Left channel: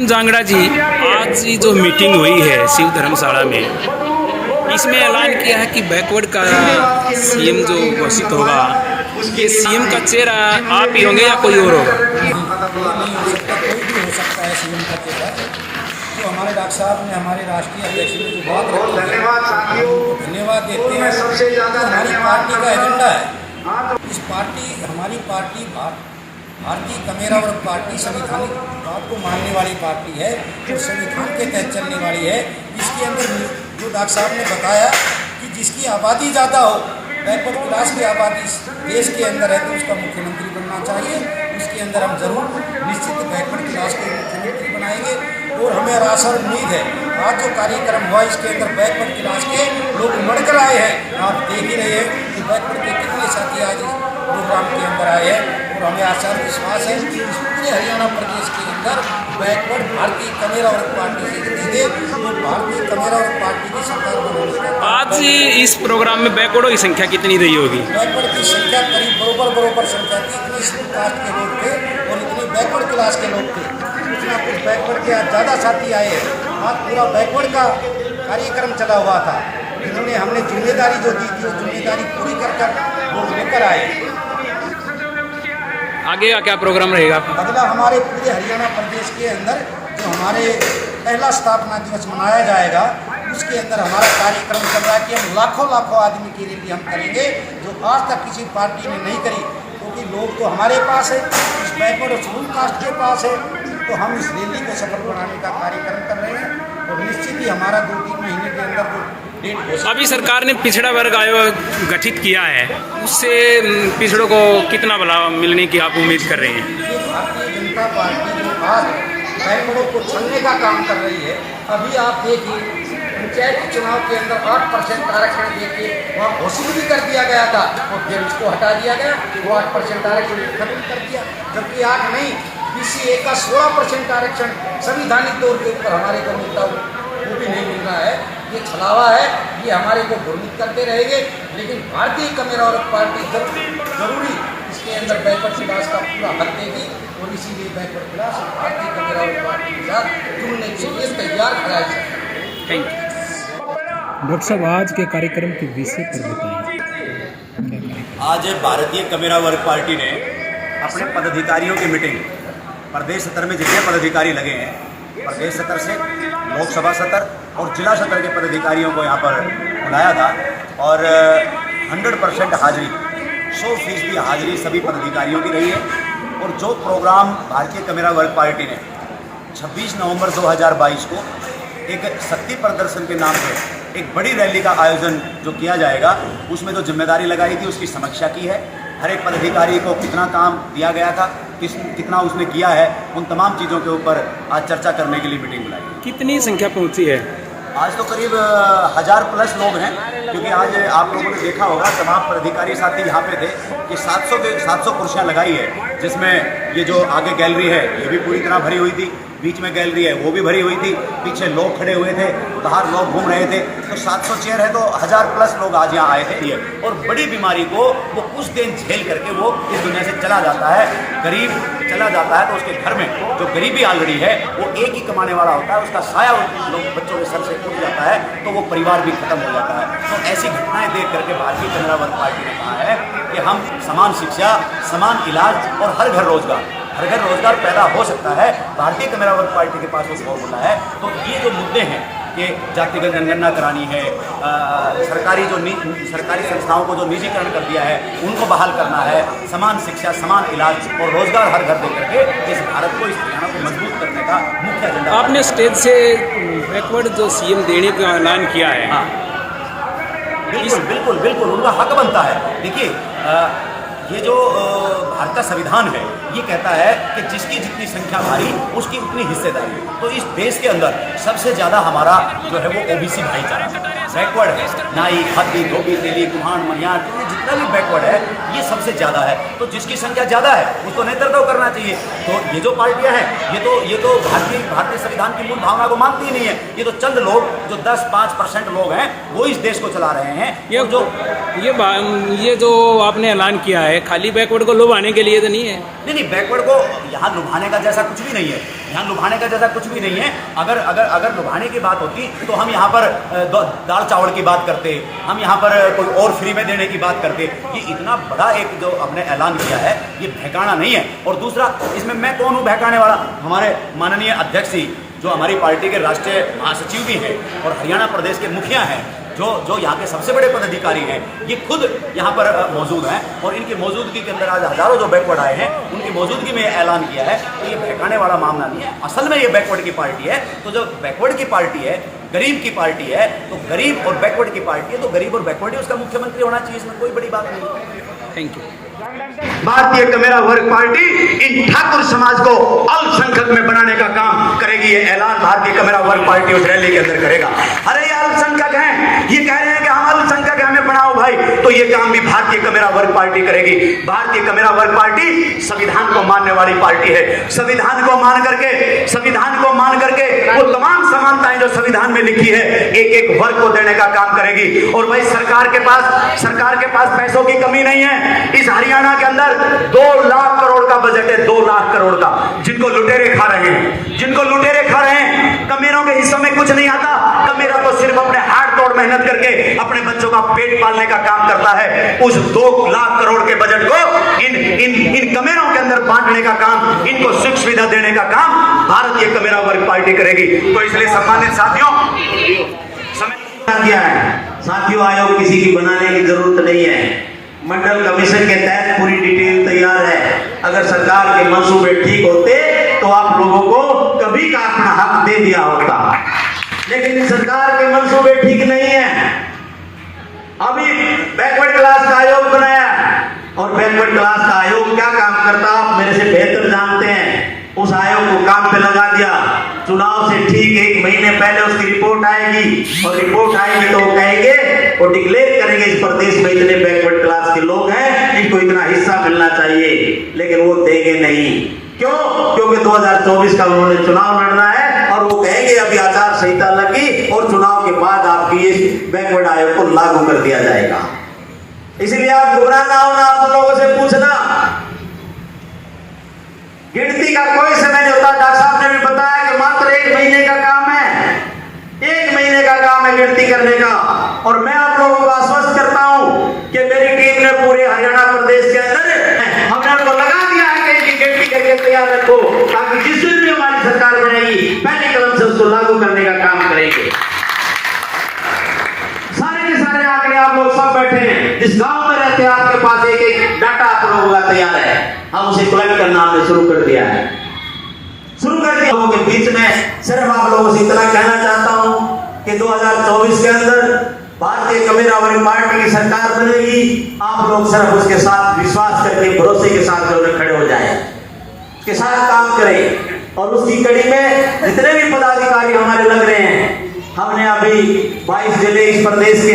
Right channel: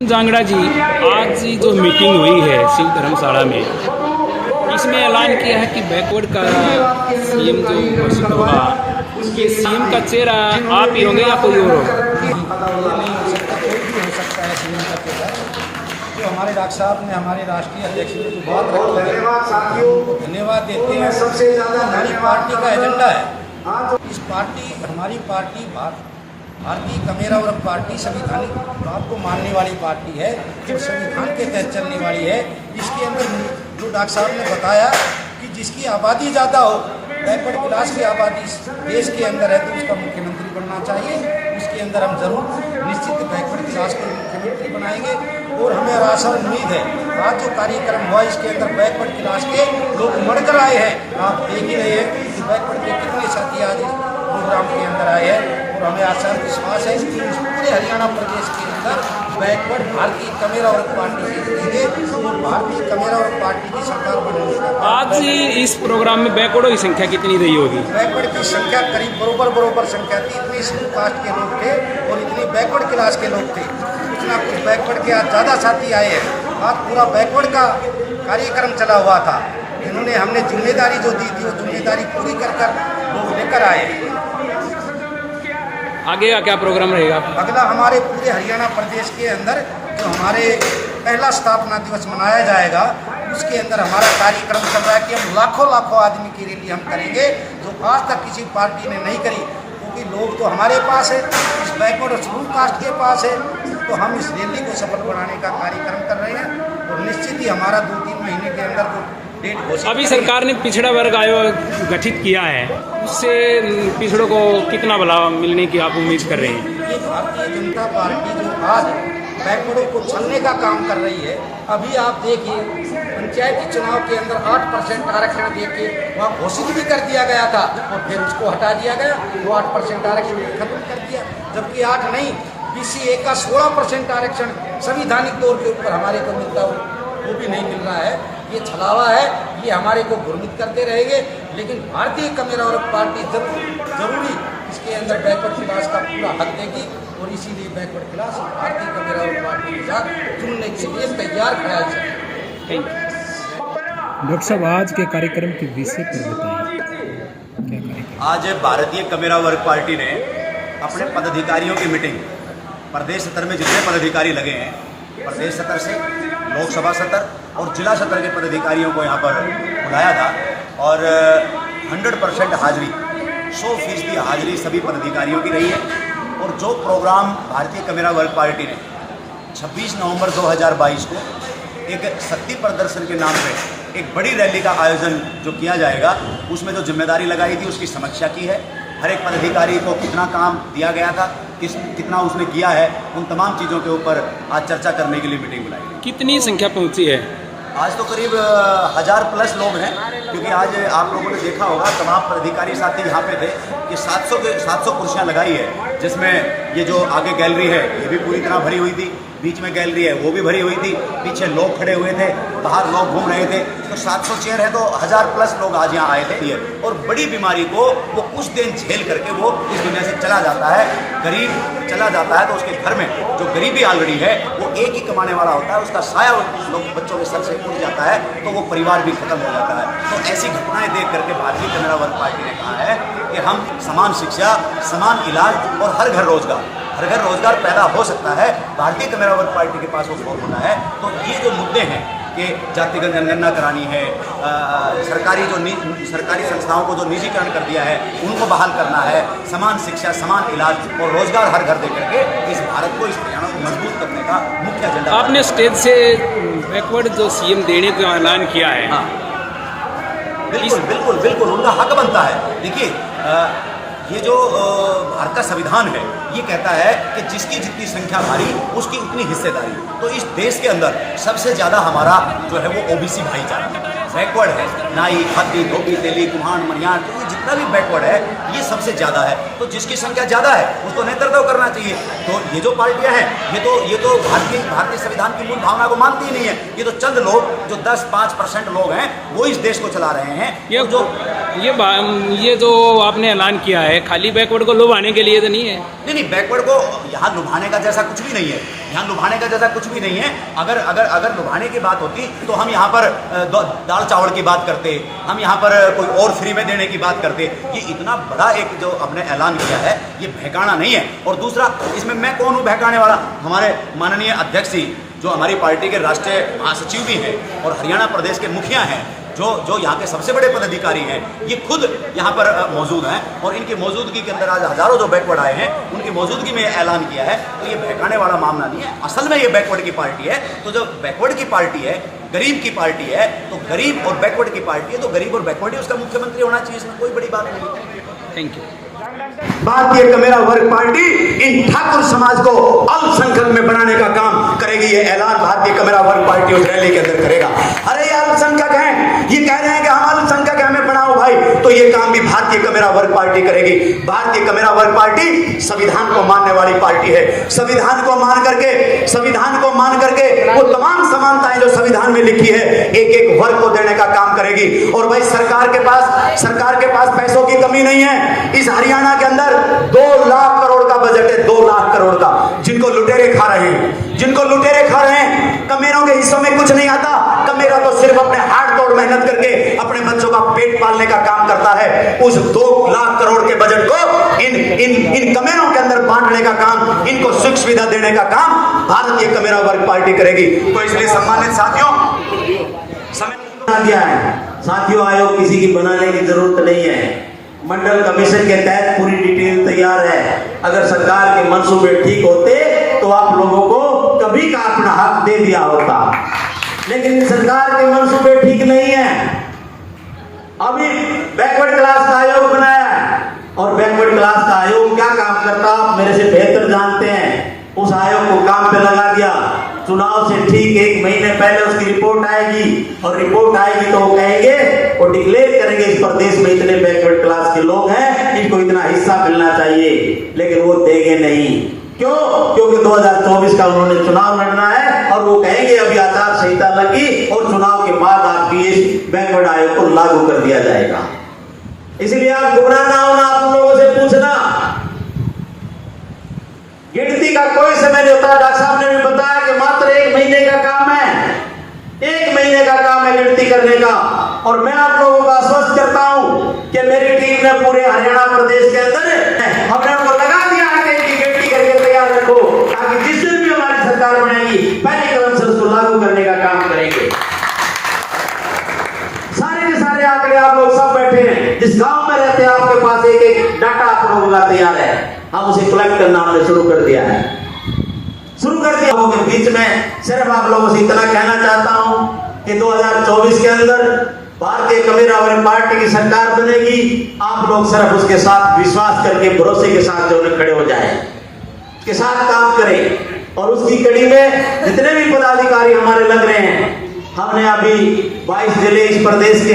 जांगड़ा जी, आज जो मीटिंग हुई है शिव धर्मशाला में, इसमें ऐलान किया है कि बैकवर्ड का सीएम जो घोषित होगा, ये सीएम का चेहरा आप ही होंगे या कोई और होगा? ये नहीं हो सकता, कोई भी हो सकता है सीएम का चेहरा। जो हमारे डॉक्टर साहब ने, हमारे राष्ट्रीय अध्यक्ष ने जो बात रखी है, उनको धन्यवाद देते हैं। तो हमारी पार्टी का एजेंडा है। इस पार्टी, हमारी पार्टी भारतीय कमेरा वर्ग पार्टी संवैधानिक बात को मानने वाली पार्टी है और संविधान के तहत चलने वाली है। इसके अंदर जो डॉक्टर साहब ने बताया कि जिसकी आबादी ज़्यादा हो, बैकवर्ड क्लास की आबादी देश के अंदर है, तो उसका मुख्यमंत्री बनना चाहिए। उसके अंदर हम जरूर निश्चित बैकवर्ड क्लास को मुख्यमंत्री बनाएंगे और हमें आशा और उम्मीद है। आज जो कार्यक्रम हुआ, इसके अंदर बैकवर्ड क्लास के लोग उमड़ कर आए हैं। आप देख ही रहे हैं कि बैकवर्ड के कितने साथी आज इस प्रोग्राम के अंदर आए हैं और हमें आशा और विश्वास है कि इस पूरे हरियाणा प्रदेश के अंदर बैकवर्ड भारतीय कमेरा वर्ग पार्टी से जीतेंगे और भारतीय कमेरा वर्ग पार्टी की सरकार बनाने का। आज इस प्रोग्राम में बैकवर्डों की संख्या कितनी रही होगी? बैकवर्ड की संख्या करीब बरोबर संख्या थी। इतनी शेड्यूल कास्ट के लोग थे और इतनी बैकवर्ड क्लास के लोग थे। कुछ ना कुछ बैकवर्ड के आज ज़्यादा साथी आए हैं। आज पूरा बैकवर्ड का कार्यक्रम चला हुआ था, जिन्होंने हमने जिम्मेदारी जो दी थी वो जिम्मेदारी पूरी कर लोग लेकर आए हैं। आगे का क्या प्रोग्राम रहेगा? अगला हमारे पूरे हरियाणा प्रदेश के अंदर जो हमारे पहला स्थापना दिवस मनाया जाएगा, उसके अंदर हमारा कार्यक्रम चल रहा है कि हम लाखों आदमी की रैली हम करेंगे, जो आज तक किसी पार्टी ने नहीं करी। क्योंकि लोग तो हमारे पास है, इस बैकवर्ड और शेड्यूल कास्ट के पास है, तो हम इस रैली को सफल बनाने का कार्यक्रम कर रहे हैं और निश्चित ही हमारा 2-3 महीने के अंदर जो डेट। अभी सरकार ने पिछड़ा वर्ग आयोग गठित किया है, उससे पिछड़ों को कितना लाभ मिलने की आप उम्मीद कर रहे हैं? ये भारतीय जनता पार्टी जो आज बैकवर्डों को छलने का काम कर रही है, अभी आप देखिए पंचायती चुनाव के अंदर 8% आरक्षण देके वहाँ घोषित भी कर दिया गया था और फिर उसको हटा दिया गया। वो 8% आरक्षण खत्म कर दिया, जबकि 8 नहीं, BCA का 16% आरक्षण संवैधानिक तौर के ऊपर हमारे को मिलता वो भी नहीं मिल रहा है। ये छलावा है, ये हमारे को भ्रमित करते रहेंगे। लेकिन भारतीय कमेरा वर्ग पार्टी जरूरी इसके अंदर बैकवर्ड क्लास का पूरा हक देगी और इसीलिए बैकवर्ड क्लास भारतीय कमेरा वर्ग पार्टी के साथ जुड़ने के लिए तैयार खड़ा है। Thank you. डॉक्टर साहब, आज के कार्यक्रम के विषय पर बताइए, क्या कार्यक्रम? आज भारतीय कमेरा वर्ग पार्टी ने अपने पदाधिकारियों की मीटिंग प्रदेश स्तर में जितने पदाधिकारी लगे हैं, प्रदेश स्तर से लोकसभा स्तर और जिला स्तर के पदाधिकारियों को यहाँ पर बुलाया था और 100% हाजिरी, 100% हाजिरी सभी पदाधिकारियों की रही है। और जो प्रोग्राम भारतीय कमेरा वर्ग पार्टी ने 26 नवंबर 2022 को एक शक्ति प्रदर्शन के नाम पे एक बड़ी रैली का आयोजन जो किया जाएगा, उसमें जो जिम्मेदारी लगाई थी उसकी समीक्षा की है। हर एक पदाधिकारी को कितना काम दिया गया था, कितना उसने किया है, उन तमाम चीज़ों के ऊपर आज चर्चा करने के लिए मीटिंग बुलाई है। कितनी संख्या पहुंची है? आज तो करीब 1000+ लोग हैं, क्योंकि आज आप लोगों ने देखा होगा तमाम पदाधिकारी साथी यहाँ पे थे कि 700 कुर्सियाँ लगाई है, जिसमें ये जो आगे गैलरी है ये भी पूरी तरह भरी हुई थी, बीच में गैलरी है वो भी भरी हुई थी, पीछे लोग खड़े हुए थे, बाहर लोग घूम रहे थे। तो 700 चेयर है तो 1000+ लोग आज यहाँ आए थे। और बड़ी बीमारी को वो कुछ दिन झेल करके वो इस दुनिया से चला जाता है, गरीब चला जाता है, तो उसके घर में जो गरीबी ऑलरेडी है वो एक ही कमाने वाला होता है, उसका साया लोग बच्चों के सर से उठ जाता है, तो वो परिवार भी खत्म हो जाता है। तो ऐसी घटनाएं देख करके भारतीय कमेरा वर्ग पार्टी ने कहा है कि हम समान शिक्षा, समान इलाज और हर घर रोजगार पैदा हो सकता है। भारतीय कमेरा वर्ग पार्टी के पास वो फॉर्मूला है। तो ये जो मुद्दे हैं कि जातिगत जनगणना करानी है, सरकारी संस्थाओं को जो निजीकरण कर दिया है उनको बहाल करना है, समान शिक्षा, समान इलाज और रोजगार हर घर दे करके इस भारत को, इस हरियाणा को मजबूत करने का मुख्य एजेंडा। आपने स्टेज से बैकवर्ड जो सीएम देने का ऐलान किया है। हाँ, बिल्कुल उनका हक बनता है। देखिए, ये जो भारत का संविधान है ये कहता है कि जिसकी जितनी संख्या भारी उसकी उतनी हिस्सेदारी। तो इस देश के अंदर सबसे ज़्यादा हमारा जो है वो OBC भाईचारा बैकवर्ड है। नाई, खादी, धोबी, तेली, कुम्हार, मनियार, तो ये जितना भी बैकवर्ड है ये सबसे ज़्यादा है। तो जिसकी संख्या ज़्यादा है उसको नेतृत्व करना चाहिए। तो ये जो पार्टियां हैं ये तो भारतीय संविधान की मूल भावना को मानती ही नहीं है। ये तो चंद लोग जो 10-5% लोग हैं वो इस देश को चला रहे हैं। ये ये जो आपने ऐलान किया है खाली बैकवर्ड को लुभाने के लिए तो नहीं है? नहीं, बैकवर्ड को यहाँ लुभाने का जैसा कुछ भी नहीं है। यहाँ लुभाने का जैसा कुछ भी नहीं है। अगर लुभाने की बात होती तो हम यहाँ पर दाल चावल की बात करते, हम यहाँ पर कोई और फ्री में देने की बात करते। ये इतना बड़ा एक जो हमने ऐलान किया है, ये बहकाना नहीं है। और दूसरा, इसमें मैं कौन हूँ बहकाने वाला? हमारे माननीय अध्यक्ष जी, जो हमारी पार्टी के राष्ट्रीय महासचिव भी हैं और हरियाणा प्रदेश के मुखिया हैं, जो यहाँ के सबसे बड़े पदाधिकारी हैं, ये खुद यहाँ पर मौजूद हैं। और इनकी मौजूदगी के अंदर आज हजारों जो बैकवर्ड आए हैं, उनकी मौजूदगी में ऐलान किया है। तो ये बहकाने वाला मामला नहीं है। असल में ये बैकवर्ड की पार्टी है। तो जो बैकवर्ड की पार्टी है, गरीब की पार्टी है, तो गरीब और बैकवर्ड की पार्टी है, तो गरीब और बैकवर्ड ही उसका मुख्यमंत्री होना चाहिए। इसमें कोई बड़ी बात नहीं है। Thank you. भारतीय कमेरा वर्ग पार्टी इन ठाकुर समाज को अल्पसंख्यक में बनाने का काम करेगी। ये ऐलान भारतीय कमेरा वर्ग पार्टी उस रैली के अंदर करेगा। अरे ये अल्पसंख्यक हैं, ये कह रहे हैं कि हम अल्पसंख्यक हैं, हमें बनाओ भाई, तो ये काम भी भारतीय कमेरा वर्ग पार्टी करेगी। भारतीय कमेरा वर्ग पार्टी संविधान को मानने वाली पार्टी है। संविधान को मान करके वो तमाम समानताएं जो संविधान में लिखी है, एक एक वर्ग को देने का काम करेगी। और भाई सरकार के पास पैसों की कमी नहीं है। इस हरियाणा के अंदर 2 लाख करोड़ का बजट है, 2 लाख करोड़ का, जिनको लुटेरे खा रहे हैं। कमेरों के हिस्सों में कुछ नहीं आता। कमेरा तो सिर्फ अपने हाथ तोड़ मेहनत करके अपने बच्चों का पेट पालने का काम करता है। उस 2 लाख करोड़ के बजट को इन कमेरों के अंदर बांटने का काम, इनको सुख सुविधा देने का काम भारतीय कमेरा वर्ग पार्टी करेगी। तो इसलिए सम्मानित साथियों, समय दिया है साथियों, आयोग किसी की बनाने की जरूरत नहीं है। मंडल कमीशन के तहत पूरी डिटेल तैयार है। अगर सरकार के मंसूबे ठीक होते तो आप लोगों को कभी का अपना हक दे दिया होता, लेकिन सरकार के मंसूबे ठीक नहीं है। अभी बैकवर्ड क्लास का आयोग बनाया, और बैकवर्ड क्लास का आयोग क्या काम करता आप मेरे से बेहतर जानते हैं। उस आयोग को काम पे लगा दिया। चुनाव से ठीक 1 महीने पहले उसकी रिपोर्ट आएगी, और रिपोर्ट आएगी तो वो कहेंगे, वो डिक्लेयर करेंगे इस प्रदेश में इतने बैकवर्ड क्लास के लोग हैं, इनको इतना हिस्सा मिलना चाहिए, लेकिन वो देंगे नहीं। क्यों? क्योंकि 2024 का उन्होंने चुनाव लड़ना है, और वो कहेंगे अभी आचार संहिता लगी और चुनाव के बाद आपकी इस बैकवर्ड आयोग को लागू कर दिया जाएगा। इसलिए आप घबरा ना हो, ना आप लोगों से पूछना। गिनती का कोई समय नहीं होता। डॉक्टर साहब ने भी बताया कि मात्र 1 महीने का काम है, 1 महीने का काम है गिनती करने का। और मैं आप लोगों को आश्वस्त करता हूं कि मेरी टीम ने पूरे हरियाणा प्रदेश के अंदर हमने उनको लगा दिया है कि इनकी गिनती करके तैयार रखो, ताकि जिस दिन भी हमारी सरकार बनेगी पहले कदम से उसको लागू करने का काम करेंगे। सारे के सारे आंकड़े आप लोग सब बैठे हैं, जिस गांव में रहते हैं आपके पास एक डाटा आप लोगों का तैयार है, हम उसे कलेक्ट करना हमने शुरू कर दिया। लोगों के बीच में सिर्फ आप लोगों से इतना कहना चाहता हूं कि 2024 के अंदर भारतीय कमेरा वर्ग पार्टी की सरकार बनेगी। आप लोग सिर्फ उसके साथ विश्वास करके, भरोसे के साथ जो खड़े हो जाए, उसके साथ काम करें। और उसकी कड़ी में जितने भी पदाधिकारी हमारे लग रहे हैं, हमने अभी 22 जिले इस प्रदेश के